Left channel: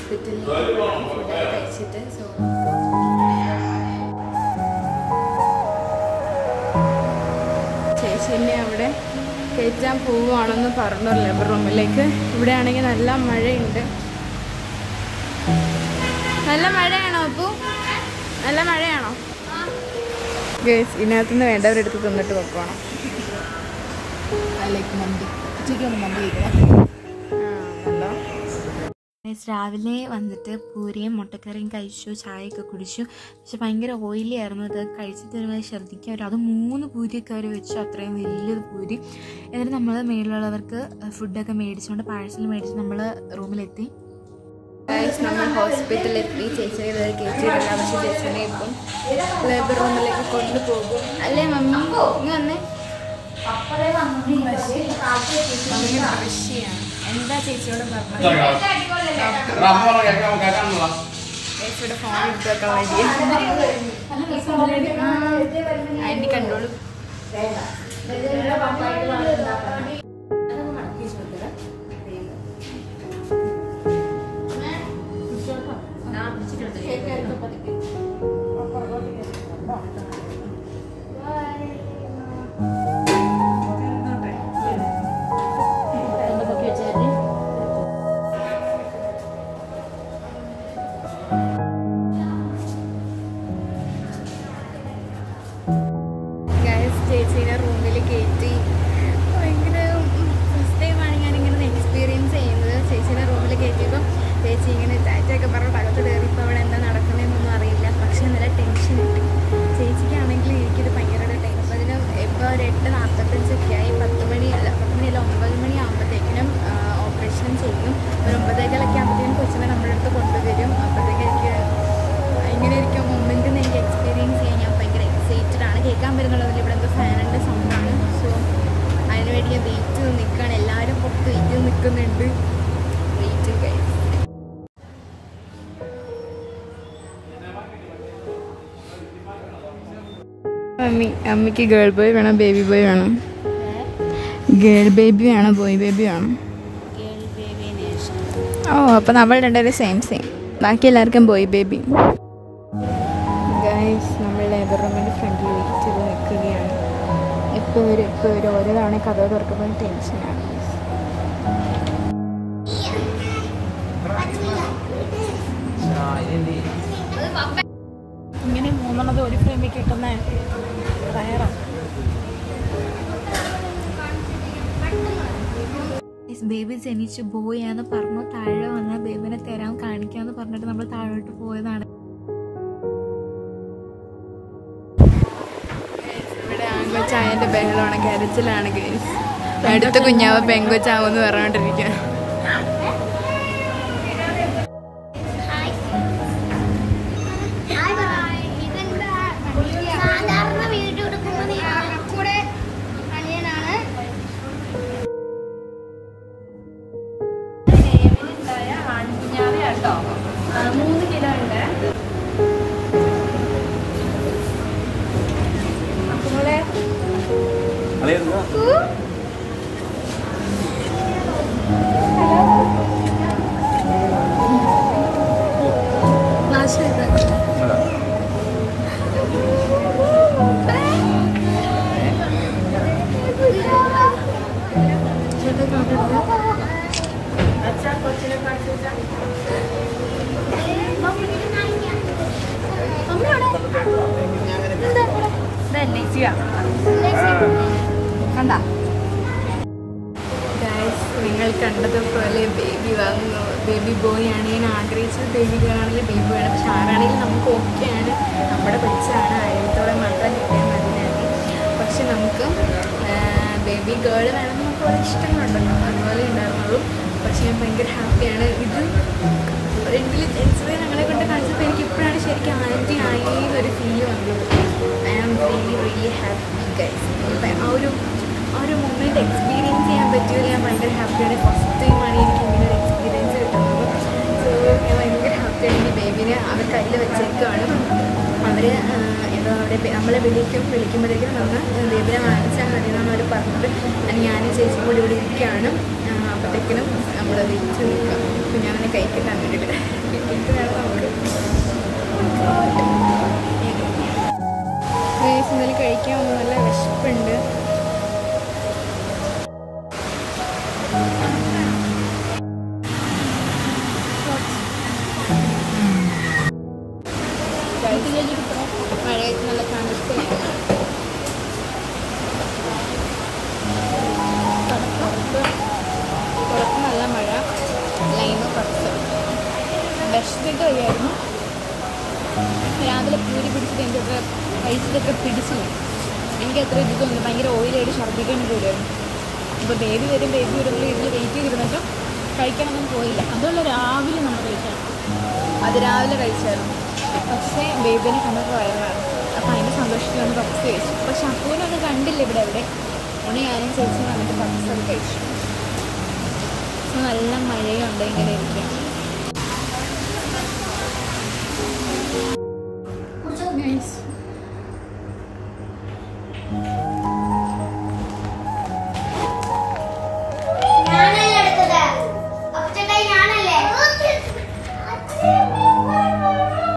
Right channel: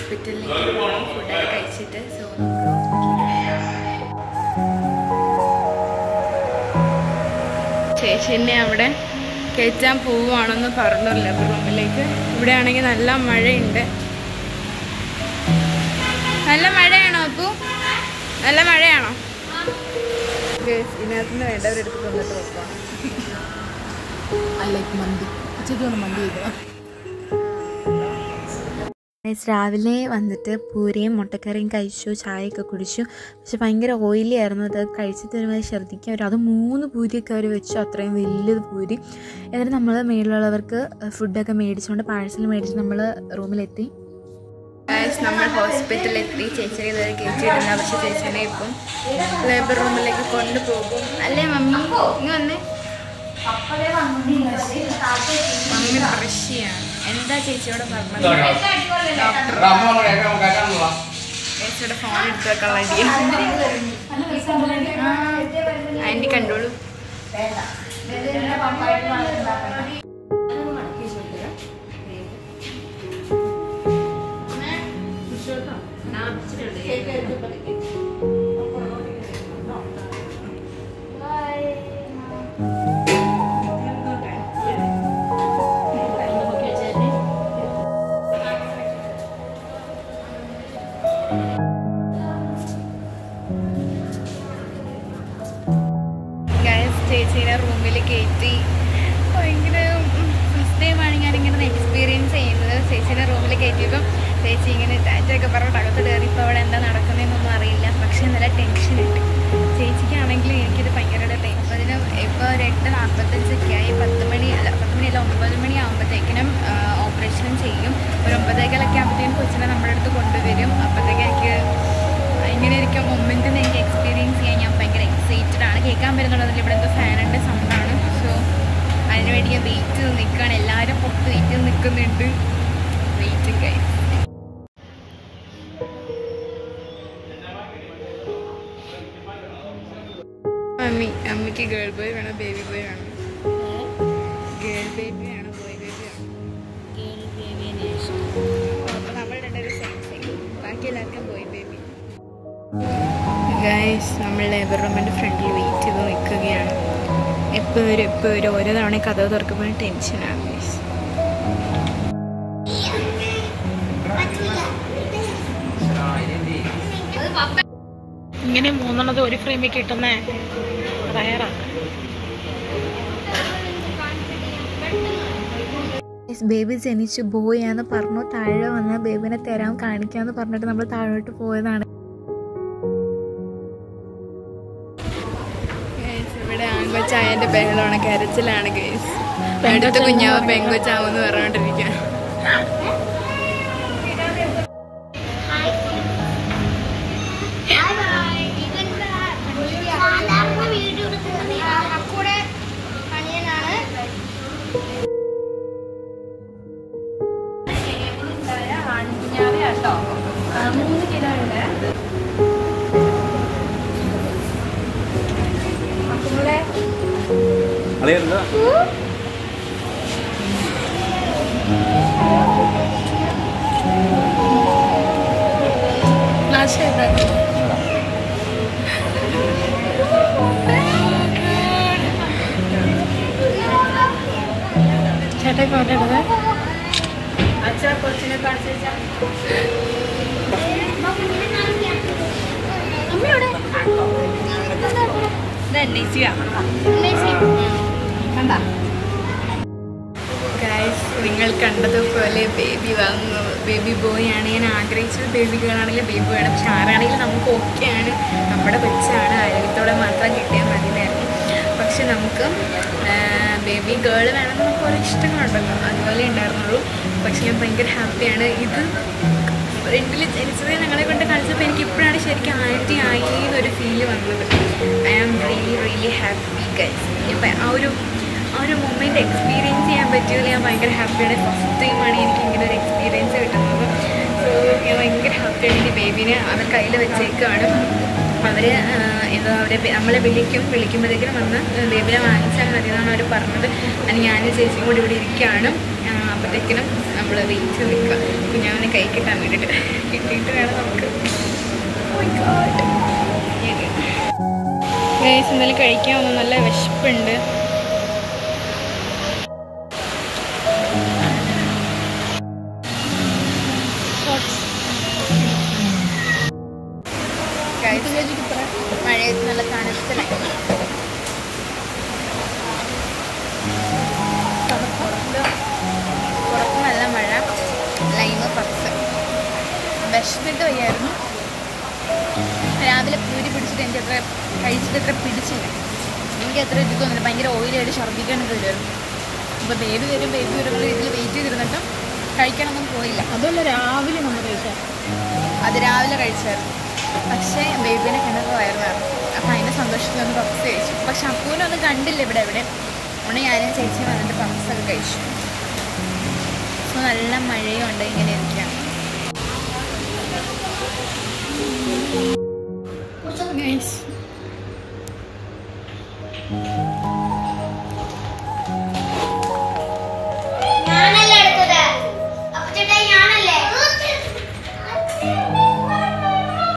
ഹോസ്പിറ്റലിലേക്ക് പോകണം ഫുഡൊക്കെ കഴിച്ചിട്ട്. സോ ചേച്ചീനെ അവിടെ കയറ്റാൻ പോവുകയാണെന്ന് പറഞ്ഞു ലേബർ റൂമിലേക്ക്. ഇവിടെ ആണെങ്കിൽ നല്ല മഴയുണ്ട്. നല്ല മഴയാണോ അപ്പു? നല്ല മഴയാണോ? ഇതിനകത്തുനിന്ന് വേണ്ടവരെടുത്ത് തിന്നിട്ട് വെക്കണം. മന്തി ഉച്ചയ്ക്ക് മന്തി കഴിക്കണം. രാവിലെ വന്നിട്ട് പൂരിയും മുട്ടക്കറിയും കഴിച്ചു, ചായയൊക്കെ കുടിച്ചു. പക്ഷെ ഭയങ്കര ഓയിലി ആയിരുന്നു. അത് കഴിച്ചിട്ട് ഒരുമാതിരി ഛർദ്ദിക്കാൻ വരും. അത് 3 പൂരിയൊക്കെ അവർ വെച്ചു, അത്രയും വലിയൊരു പൂരി. എന്നിട്ട് നമ്മൾ മേളിലുള്ളവർക്ക് ഫുഡൊക്കെ മേടിച്ചുകൊണ്ട് പാഴ്സൽ മേടിച്ച് നമ്മൾ റൂമിലെത്തി. നമ്മൾ ഹോസ്പിറ്റലിലെത്തി. ചേച്ചിനെ ഇതുവരെ കയറ്റിയിട്ടില്ല. പക്ഷെ ചേച്ചിനെ ഇപ്പം ലേബർ റൂമിലേക്ക് കൊണ്ടുപോകും അല്ലേ മമ്മി? ഇങ്ങനെ വന്നേ. മമ്മി ബ്രഷിയാണ്. എന്താ ചേച്ചിയോട് പറഞ്ഞത്? ചേച്ചിയുടെ ഫോൺ എടുത്ത് വെക്കാനുള്ള ഐഡിയ ആൻറ്റി കണ്ടോളൂ. ചേച്ചീനെ റൂമിൽ കയറ്റി. ഭയങ്കര ഫസ്റ്റ് ടൈമാണ് ഞാനിങ്ങനെ എക്സ്പീരിയൻസ് ചെയ്യുന്നത്. ചേച്ചീനെ റൂമിൽ കയറ്റിയപ്പം ചേച്ചി ഇങ്ങനെ ടാറ്റയൊക്കെ പറഞ്ഞിട്ട് അകത്ത് കയറി. ഇപ്പോൾ അവിടെ എന്താ നടക്കുന്നതെന്നൊന്നും അറിയില്ല. പക്ഷേ നല്ല ടെൻഷനുണ്ട്. ചേച്ചിക്കാണെങ്കിലും എനിക്കിത് ഭയങ്കര ടൈം. അപ്പോൾ അതിന് ഇപ്പോൾ ഒരു 8:45 ആയി. 10 മണിയല്ല 9 മണി ആകുമ്പോഴത്തേക്കിനും ഓപ്പറേഷൻ ചെയ്യും. ഒരു 9:15 ആകുമ്പോഴത്തേക്കും കൊച്ചിനെ നമ്മുടെ അടുത്ത് കൊണ്ടുവരും. അപ്പോഴത്തേക്കും എനിക്ക് ഇങ്ങനെ ഇരിക്കും മൊമെൻറ്റിൽ നിന്ന് എനിക്ക് എക്സ്പീരിയൻസ് ചെയ്യാൻ ഞാൻ ഭയങ്കര എക്സൈറ്റഡ് ആണ്. കേൾക്കാൻ പറ്റുന്നുള്ളതിൽ ഇവിടെ എന്തോ ഫാനിൻ്റെ സൗണ്ടാണ്. സോ അതിനുവേണ്ടി ഞാൻ വെയിറ്റ് ചെയ്ത് നിൽക്കുകയാണ്. എല്ലാവരും പുറത്ത് വെയിറ്റ് ചെയ്ത് നിൽക്കുന്നുണ്ട്. Waiting guys. അമ്മയ്ക്ക് ഗേൾ ബോയ് വേണം, ബേബി ബോയ് വേണം? ഗേൾ ബേബി വേണം, ബോയ് ബേബി വേണം? ഓ, അപ്പോൾ നമ്മൾ രണ്ടുപേരും സെയിം. ബാക്കി എല്ലാവർക്കും ബോയ് ബേബി. ഗൈസ്, നമ്മൾ ലേബർ റൂമിൻ്റെ ഫ്രണ്ടിൽ വെയിറ്റ് ചെയ്ത് നിൽക്കുകയാണ്. എപ്പോൾ വരും ഓരോ തവണ കഥ തുറക്കുമ്പോൾ ടെൻഷനാണ് ഗൈസ്. ഇങ്ങനെ 3 ഒരു ഫ്രെയിമിൽ കിട്ടുന്നേ റയറാണ്. ബേബി ജനിച്ചു, ബോയാന്ന് പറഞ്ഞു. താഴെ വന്ന് ബേബിനെ തരാൻ കാണിക്കാന്ന് പറഞ്ഞിട്ട് നമ്മൾ താഴോട്ട് പോയതാണ്. ഇവിടെ പെങ്കൊച്ചായൻ്റെ ബഹളമാണ്, കരച്ചിലാണ് ഗൈസ്. അടുത്ത കുഞ്ഞാവ് പെങ്കൊച്ചാവെന്ന് പറഞ്ഞോണ്ടിരിക്കുക. ഗൈസ്, നിങ്ങൾ കണ്ടതുപോലെ ബേബി വന്നു. ബേബി ബോയ് ആണ് ഞാൻ ആഗ്രഹിച്ചത്. ബേബി ഗേൾ ആണെങ്കിൽ ബേബി വേണം. പക്ഷെ ആരാണെങ്കിലും നമുക്ക് ഓക്കെയാണ്. നമ്മുടെ കൊച്ചാണ്, ആരോഗ്യത്തോടെ മാത്രം കിട്ടിയാൽ മതിയായിരുന്നു. പക്ഷെ നമുക്ക് ബേബി ഗേൾ വേണമെന്ന് നമുക്ക് ഓരോ ഇഷ്ടങ്ങളുണ്ടല്ലോ, അതുപോലെ ഉണ്ടായിരുന്നുള്ളൂ. പക്ഷെ ഞാൻ ഭയങ്കര ഹാപ്പിയാണ്. ഇത് ഫ്രണ്ടിൽ ജനിച്ചത് ഞങ്ങളെ കൊണ്ട് കളിച്ചപ്പോൾ എനിക്ക് ഇപ്പോഴാണ് ശരിക്കും ആൻറ്റി ആയി എന്നൊരു ഫീല് വന്നത്. I am really happy guys. ഇപ്പം ആ ഒരു മൊമെൻറ്റ് എക്സ്പീരിയൻസ് ചെയ്യാൻ പറ്റിയത് ഞാൻ ഭയങ്കര ഹാപ്പിയാണ്. ഫസ്റ്റ് ടൈമാണ് എനിക്ക് ഇങ്ങനെ ഒരു എക്സ്പീരിയൻസ് കിട്ടുന്നത്. സോ ഞാൻ ഭയങ്കര ഹാപ്പിയാണ്. എനിക്ക് ബേബീനെ അവർ കയ്യിൽ വെച്ചേക്കാണ്. അവർ എന്തോ നമ്മളെ വിളിക്കുമ്പോഴത്തേക്കും വന്ന് ബേബിനെ വാങ്ങിച്ചാൽ മതി എന്നാണ് അവർ പറഞ്ഞത്. അതിന് ഞാനും ചേച്ചിയും കൂടി ഇവിടെ ഇരിക്കുകയാണ്. അപ്പോഴത്തേക്കിനും നമ്മൾ വെയിറ്റ് നിൽക്കുക കുഞ്ഞാവിനെ കൈ കിട്ടാൻ വേണ്ടിയിട്ട്. കിട്ടിയിട്ട് വേണം നമുക്ക് എന്തെങ്കിലും കഴിക്കാൻ ഒന്ന് നല്ല വിശപ്പുണ്ട്. മഴയത്ത് നല്ല തണുപ്പിലായി. പുറത്ത് നല്ല മഴ, ലൈമ് പുറത്ത്. വിശന്നിട്ട് വയ്യായിരുന്നു. രാവിലെ പൂരി പിടിച്ചിട്ട് എനിക്ക് കഴിച്ചിട്ട് പിടിച്ചു പോയി. എനിക്ക് അത്ര ഇത് തോന്നില്ല. ഭയങ്കര ഓയിലായിട്ട് ഛർദ്ദിക്കാനൊക്കെ വരുമായിരുന്നു. ഇപ്പോൾ ബേബി വരുമ്പോൾ ഇതിൽ വെയിറ്റ് ചെയ്തിരുന്നിട്ടും കഴിക്കാനൊന്നും പോയില്ല. അതുപോലെ രാവിലെ നമ്മൾ കഴിച്ചാൽ അത് രാവിലെ കഴിച്ചായിരുന്നു. പക്ഷേ ബേബിനെ കണ്ടപ്പോൾ വയറുമായിരുന്നു. അപ്പോൾ അതിൻ്റെ സന്തോഷത്തിൽ ഒന്ന് പപ്സ് കഴിച്ചു. പക്ഷെ അപ്പൂനൊന്നും കണ്ടില്ല ഇവിടെ എവിടെ. അതുകൊണ്ട് ഞാനും ചേച്ചിയും വന്നിട്ട് പപ്സൊക്കെ കഴിച്ചു. അപ്പോൾ നല്ല മഴയും ഉണ്ട്. ഇങ്ങനെ ഇരിക്കാം.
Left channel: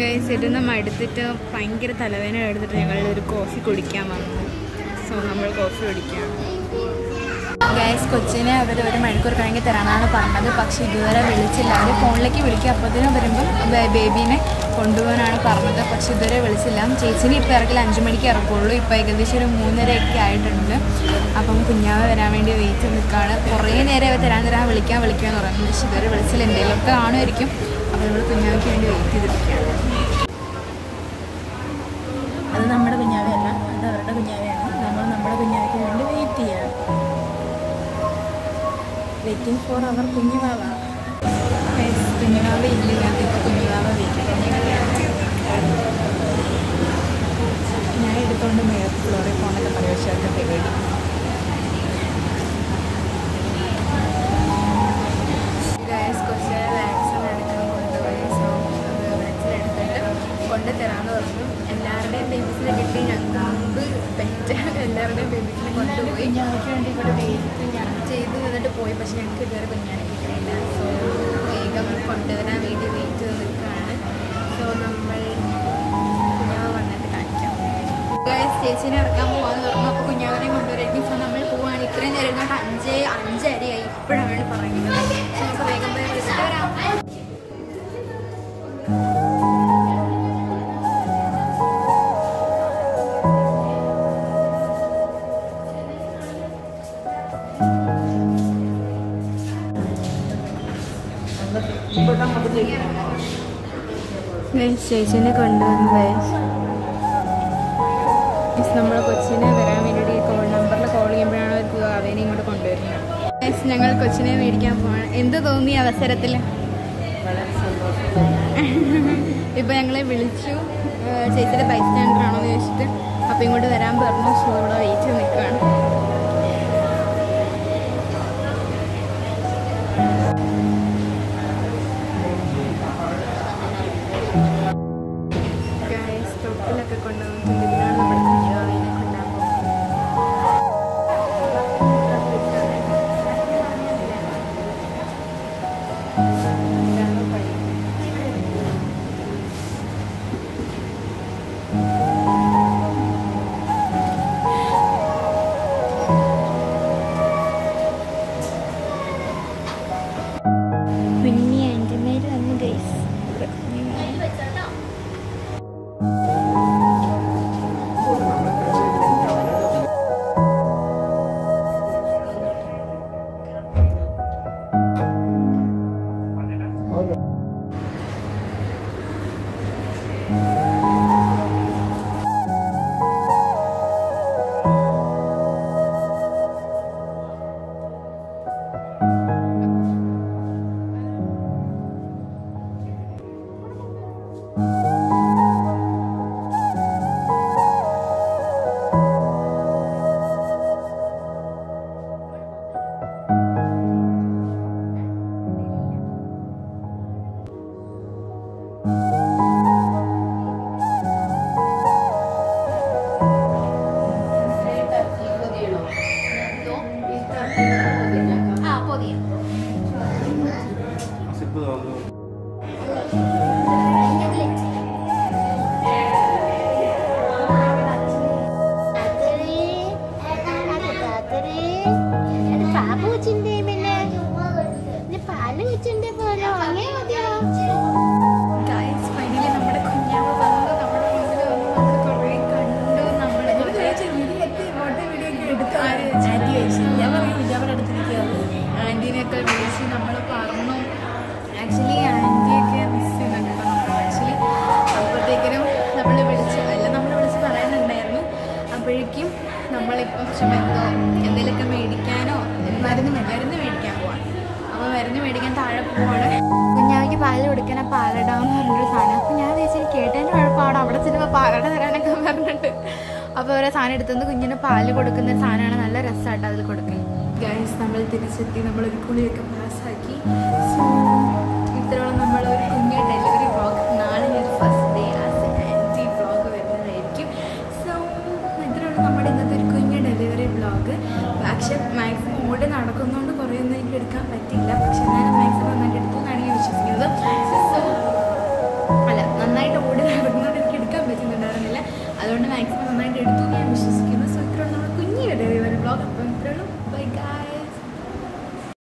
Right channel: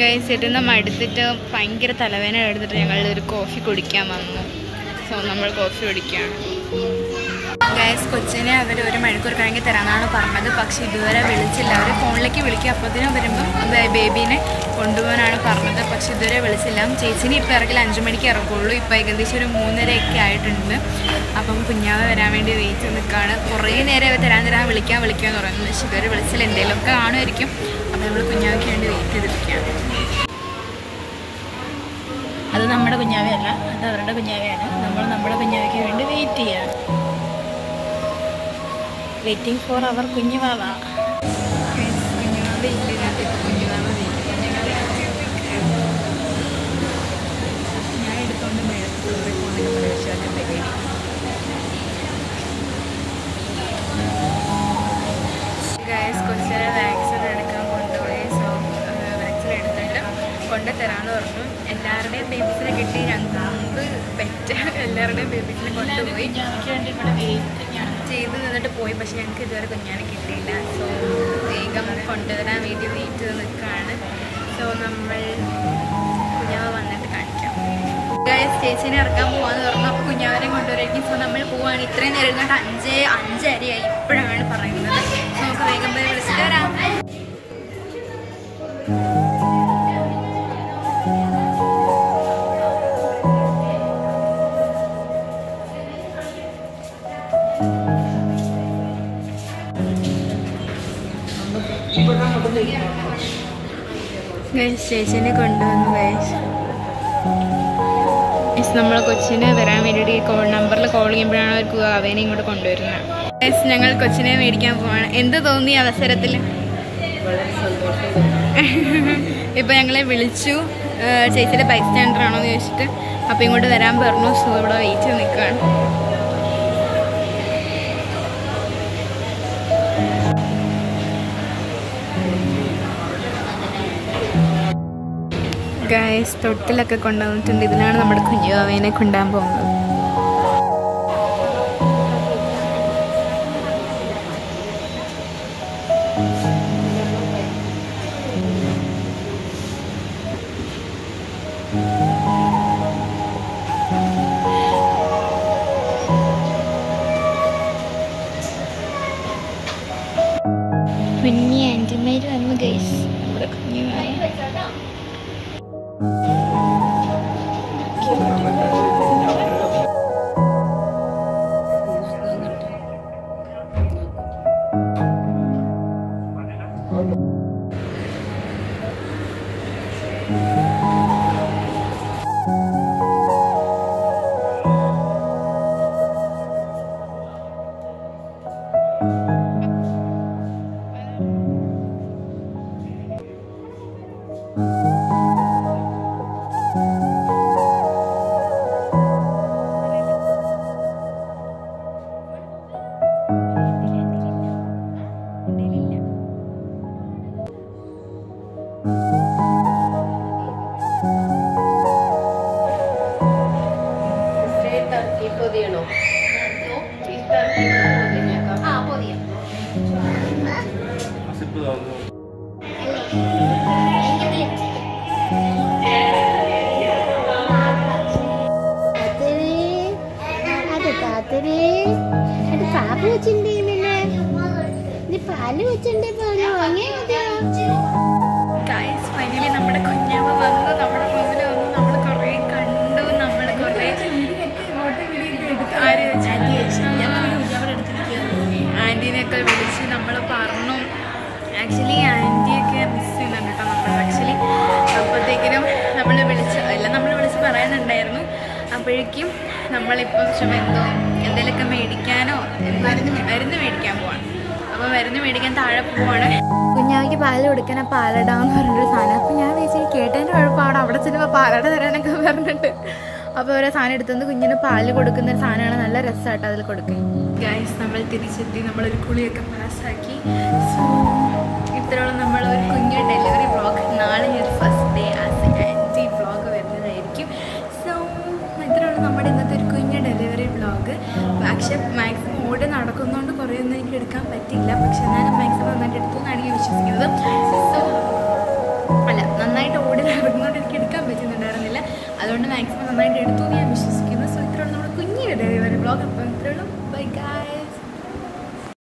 ഗൈസ് ഇരുന്ന് മടുത്തിട്ട് ഭയങ്കര തലവേദന എടുത്തിട്ട് ഞങ്ങൾ ഒരു കോഫി കുടിക്കാൻ വന്നു. സോ നമ്മൾ കോഫി കുടിക്കുകയാണ്. ഗൈസ് കൊച്ചിനെ അവർ 1 മണിക്കൂർ കഴിഞ്ഞ് തരാമെന്നാണ് പറഞ്ഞത്. പക്ഷേ ഇതുവരെ വിളിച്ചില്ല. അവർ ഫോണിലേക്ക് വിളിക്കുക. അപ്പോഴത്തേനും വരുമ്പം ബേബീനെ കൊണ്ടുപോകാനാണ് പറഞ്ഞത്. പക്ഷെ ഇതുവരെ വിളിച്ചില്ല. ചേച്ചിനെ ഇപ്പോൾ ഇറക്കില്ല, 5 മണിക്ക് ഇറക്കുള്ളൂ. ഇപ്പോൾ ഏകദേശം ഒരു 3:30 ആയിട്ടുണ്ട്. അപ്പം കുഞ്ഞാവ് വരാൻ വേണ്ടി വെയിറ്റ് നിൽക്കുകയാണ്. കുറേ നേരം തരാൻ വിളിക്കാമെന്ന് പറയുന്നത്. പക്ഷെ ഇതുവരെ വിളിച്ചില്ല. എന്തെങ്കിലുമൊക്കെ കാണുമായിരിക്കും. അപ്പോൾ നമ്മൾ കുഞ്ഞാവയ്ക്ക് വേണ്ടി വെയിറ്റ് ചെയ്തിരിക്കുകയാണ്. അത് നമ്മുടെ കുഞ്ഞാവയല്ല, അത് അവരുടെ കുഞ്ഞാവയാണ്. നമ്മൾ നമ്മുടെ കുഞ്ഞാവയ്ക്ക് വേണ്ടി വെയിറ്റ് ചെയ്യാണ്. വെയിറ്റിംഗ് ഫോർ അവർ കുഞ്ഞുവാവ. കുഞ്ഞുവാവ ഇല്ലാത്ത ഇപ്പോൾ കുഞ്ഞുവാവ ഞാൻ എടുത്തുകൊണ്ട് മേലത്ത് ഫ്ലോറിൽ പോകുന്നൊക്കെ പരിവശമൊക്കെ തരും. ഗൈസ് കൊച്ചിനെ വാക്സിൻ എടുക്കാൻ കൊണ്ടുപോയി. സോ വാക്സിൻ എടുത്തിട്ട് കൊണ്ടുതരാമെന്ന് പറഞ്ഞു. എല്ലാവരുടെയും ബേബീസിനെ കിട്ടി. ഞങ്ങൾക്ക് മുമ്പ് പെറ്റ എല്ലാവരുടെയും ബേബീസിനെ കൊണ്ടുപോയി ചെയ്ത് നിന്നിട്ട് പോയി. പക്ഷെ ഞങ്ങൾക്ക് ഇതുവരെ കുഞ്ഞാനെ കിട്ടിയില്ല. സോ വേഗം കൊണ്ടുവരാൻ വേണ്ടി വെയിറ്റ് ചെയ്ത് നിൽക്കുകയാണ്. സോ നമ്മൾ കുഞ്ഞാവ വന്നിട്ട് കാണിക്കാം. ചേച്ചീനെ ഇറക്കാൻ പോകാമെന്ന് പറഞ്ഞു. അപ്പോൾ കുഞ്ഞാവനെ കൊണ്ടുവരായിരിക്കും. സോ നമ്മൾ പോവുകയാണ്. ഇത്രയും നേരം ഇരുന്നിട്ട് 5:30 ഇപ്പോഴാണ് പറയുന്നത്. സോ നമുക്ക് വേഗം പോയി വിളിച്ചിട്ട് വരാം. ചേച്ചിനെ കൊണ്ടുവന്നു. നമ്മൾ കൊച്ചിനെ വരാൻ വേണ്ടിയിട്ട് നമ്പറിൽ കോൾ ചെയ്യുമ്പോഴാണ് അവർക്ക് അവനെ ഇങ്ങോട്ട് കൊണ്ടുവരുന്നത്. ഞങ്ങൾ കൊച്ചിനെ മേടിക്കാൻ പോവാണ്. എന്ത് തോന്നി അവസരത്തിൽ? ഇപ്പം ഞങ്ങളെ വിളിച്ചു. ചേച്ചിയുടെ ബൈസ്റ്റാൻഡർ ആണോ എന്ന് ചോദിച്ചിട്ട്. അപ്പോൾ ഇങ്ങോട്ട് വരാൻ പറഞ്ഞു. സോ ഇവിടെ വെയിറ്റ് ചെയ്ത് നിൽക്കുകയാണ്. ഗൈസ് തൊട്ടിലൊക്കെ കൊണ്ടുവന്നിട്ടുണ്ട്. ഇതിലാണ് നമ്മുടെ കുഞ്ഞുവാവേനെ കൊണ്ടുപോകാൻ പോകുന്നത്. കുഞ്ഞി ആൻറ്റിമാര് വന്നു ഗൈസ്. നമ്മുടെ കുഞ്ഞുവാവ ഗൈസ് ഫൈനലി നമ്മുടെ കുഞ്ഞാവ വന്നു, നമ്മുടെ മുമ്പിൽ വന്നു. നമ്മൾ കുറേ കണ്ടു, നമ്മൾ കുറേ ആൻറ്റീനെയൊക്കെ വിളിച്ച് നമ്മൾ പറഞ്ഞു. ആക്ച്വലി ആൻറ്റിയൊക്കെ മിസ് ചെയ്യുന്നുണ്ട് കേട്ടോ നമ്മൾ. ആക്ച്വലി അപ്പോഴത്തേക്കിനും നമ്മൾ വിളിച്ച് പറയുന്നുണ്ടായിരുന്നു. അപ്പോഴേക്കും നമ്മളിപ്പം എന്തെങ്കിലുമൊക്കെ മേടിക്കാനോ മരുന്ന് മേടിക്കാൻ പോവാണ്. അപ്പോൾ മരുന്ന് മേടിക്കാൻ താഴെ പോവാണ്. കുഞ്ഞാവയ്ക്ക് പാല് കൊടുക്കാൻ പാലടാന്ന് പറഞ്ഞൊരു സാധനം. അപ്പോൾ ഞാൻ വിചാരിച്ചു കേട്ടതിൻ്റെ കുഴപ്പമാണ്, അവിടെ ചെല്ലുമ്പോൾ പാലട തരാനൊക്കെ പറഞ്ഞിട്ട്. അപ്പോൾ ഓരോ സാധനം എടുത്തുകൊണ്ട് കുഞ്ഞിന് പാല് കൊടുക്കുന്ന ഒരു സാധനമാണ്. നല്ല രസമായിട്ട് അതിൽ കൊടുക്കും. ഗൈസ് നമ്മൾ തിരിച്ചെത്തി, നമ്മളൊരു കുളിയൊക്കെ പാസ്സാക്കി. സോ ഇത്രയോളം നമ്മളൊരു കുഞ്ഞ് ഡെലിവറി വ്ളോഗ്. നാളെ ഒരു first day as aunty vlog വരുന്നതായിരിക്കും. സോ ഇത്രയോളം നമ്മുടെ ഇന്നത്തെ ഒരു കുഞ്ഞ് ഡെലിവറി വ്ളോഗ്. പക്ഷേ മാക്സിമം ഓടി നടക്കുന്നതുകൊണ്ട് കുറേ ഒന്നും എനിക്ക് എടുക്കാൻ പറ്റിയില്ല. പക്ഷെ എന്നാലും മാക്സിമം നന്നായിട്ട് എടുത്തു എന്നാണ് ഞാൻ വിശ്വസിക്കുന്നത്. നന്നായിട്ട് ഓടി നടക്കുന്നതുകൊണ്ട് എനിക്ക് എടുക്കാൻ പറ്റുന്നുണ്ടായിരുന്നില്ല. അതുകൊണ്ട് മാക്സിമം നന്നായിട്ട് എടുത്തു ഞാൻ വിശ്വസിക്കുന്നു. സോ ഇത്രയോളം നമ്മുടെ കുഞ്ഞ് ഡെലിവറി വ്ളോഗ്. അപ്പം ഇത്രയോളം ബൈ ഗൈസ്.